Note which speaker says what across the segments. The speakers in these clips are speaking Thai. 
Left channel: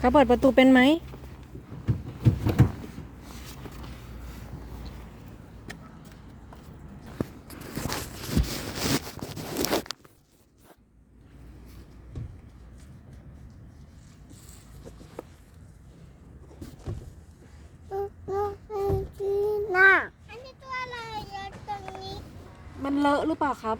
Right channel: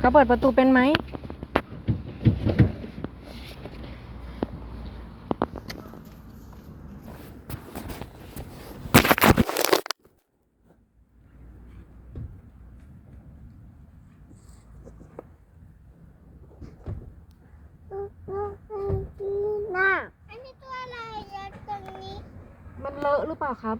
Speaker 1: เขาเปิดประตูเป็นไหม
Speaker 2: น่ะอันนี้ตัวอะไรเยอะตรงนี้
Speaker 1: มันเลอะหรือเปล่าครับ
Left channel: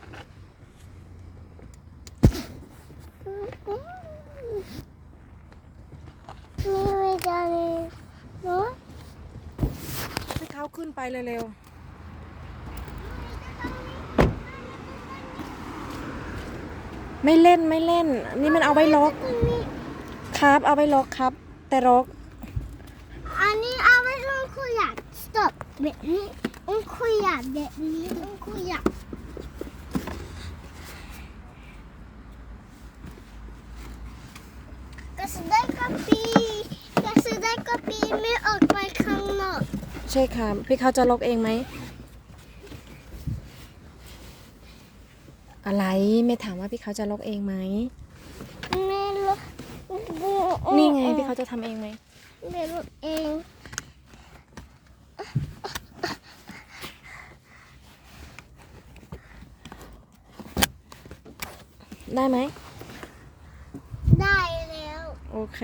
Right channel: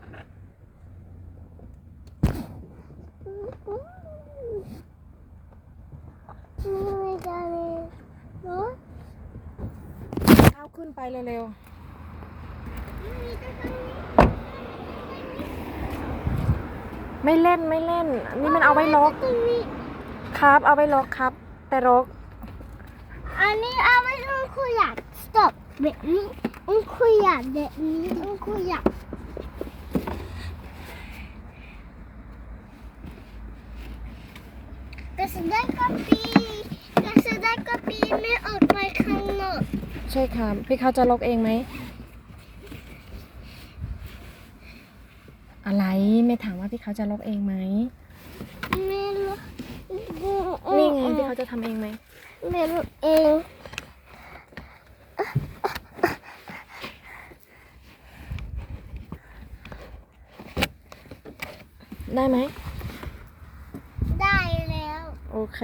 Speaker 2: นี่ไม่ได้เนาะ
Speaker 1: เขึ้นไปเร็วๆ ไม่เล่นไม่เล่น นี่มันเอาไว้ล็อกครับ เอาไว้ล็อกครับ แต่ล็อก
Speaker 2: อันนี้เอาไว้ต้องคุยอยาก stop แบบนี้ต้งคุยอยากแบบนี้ต้งคุยอยากกระสได้กระปีกระสได้กระปีไม่ออกไปข้างนอก
Speaker 1: ใช่ครับพี่เขาจะล็อกเองไหม อะไรไม่ถามว่าพี่เขาจะล็อกเองไหม
Speaker 2: ไม่รู้
Speaker 1: นี่ไงพี่เขาจะทำเองไหม
Speaker 2: ไม่รู้เอง
Speaker 1: ได้ไหม
Speaker 2: ได้แล้ว
Speaker 1: โอเค